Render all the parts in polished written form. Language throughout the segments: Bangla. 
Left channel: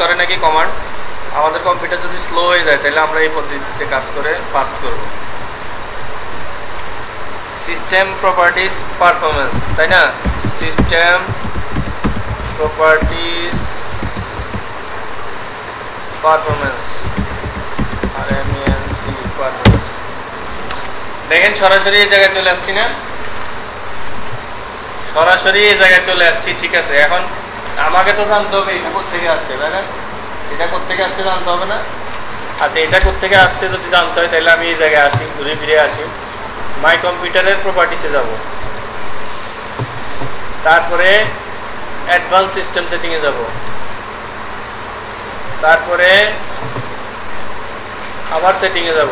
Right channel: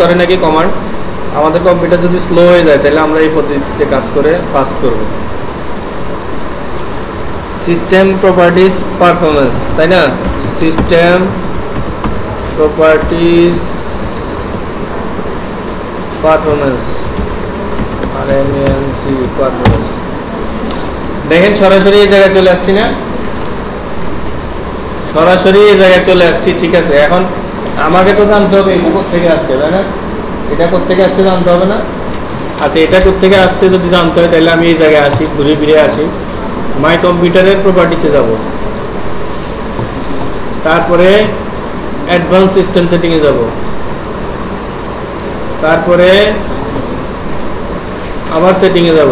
করে নাকি কমান্ড। আমাদের কম্পিউটার যদি স্লো হয়ে যায় তাহলে আমরা এই পদ্ধতিতে কাজ করে ফাস্ট করব। সিস্টেম প্রপার্টিজ পারফরমেন্স, তাই না? System properties performance, RMANC performance. দেখেন সরাসরি এই জায়গায় চলে আসছি না, সরাসরি এই জায়গায় চলে আসছি। ঠিক আছে, এখন আমাকে তো জানতে হবে এটা কোথেকে আসছে, তাই না? এটা কোথেকে আসছে জানতে হবে না? আচ্ছা, এটা কোথেকে আসছে যদি জানতে হয় তাহলে আমি এই জায়গায় আসি, ঘুরে ফিরে আসি, মাই কম্পিউটারের প্রপার্টিসে যাব, তারপরে অ্যাডভান্স সিস্টেম সেটিংয়ে যাব, তারপরে আবার সেটিংয়ে যাব,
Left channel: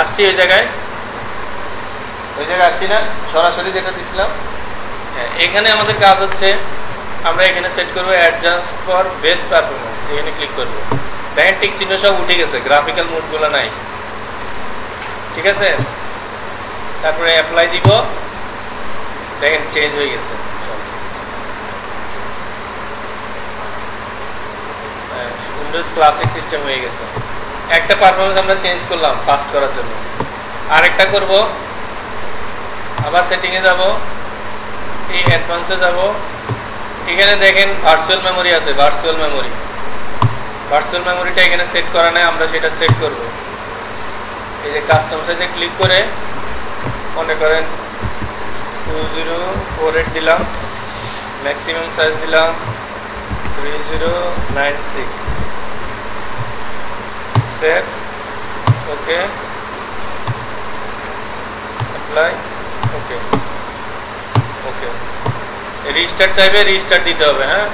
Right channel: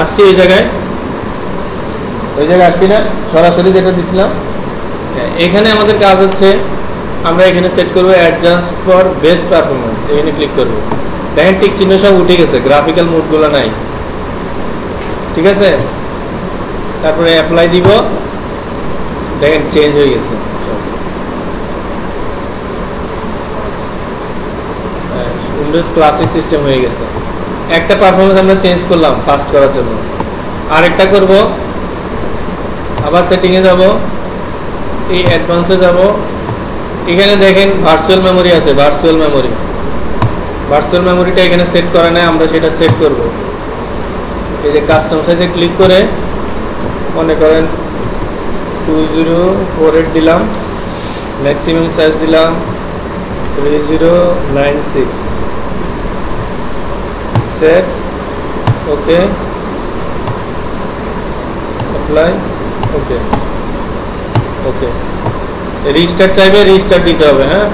আসছি এই জায়গায়, ওই জায়গায় আসছি না, সরাসরি যেটা দিছিলাম। এখানে আমাদের কাজ হচ্ছে আমরা এখানে সেট করব অ্যাডজাস্ট ফর বেস্ট পারফরমেন্স, এখানে ক্লিক করব। দেখেন টিক চিহ্ন সব উঠে গেছে, গ্রাফিক্যাল মোডগুলো নাই। ঠিক আছে, তারপরে অ্যাপ্লাই দিব, দেখেন চেঞ্জ হয়ে গেছে। উইন্ডোজ ক্লাসিক সিস্টেম হয়ে গেছে। একটা পারফরমেন্স আমরা চেঞ্জ করলাম ফাস্ট করার জন্য, আরেকটা করব, আবার সেটিংয়ে যাব, এই অ্যাডভান্সে যাব। এখানে দেখেন ভার্চুয়াল মেমোরি আছে, ভার্চুয়াল মেমোরিটা এখানে সেট করা নাই, আমরা সেটা সেট করব। এই যে কাস্টম সাইজে ক্লিক করে মনে করেন 2048 দিলাম, ম্যাক্সিমাম সাইজ দিলাম 3096, সেট, ওকে, অ্যাপ্লাই, ওকে। রিস্টার্ট চাইবে, রিস্টার্ট দিতে হবে। হ্যাঁ,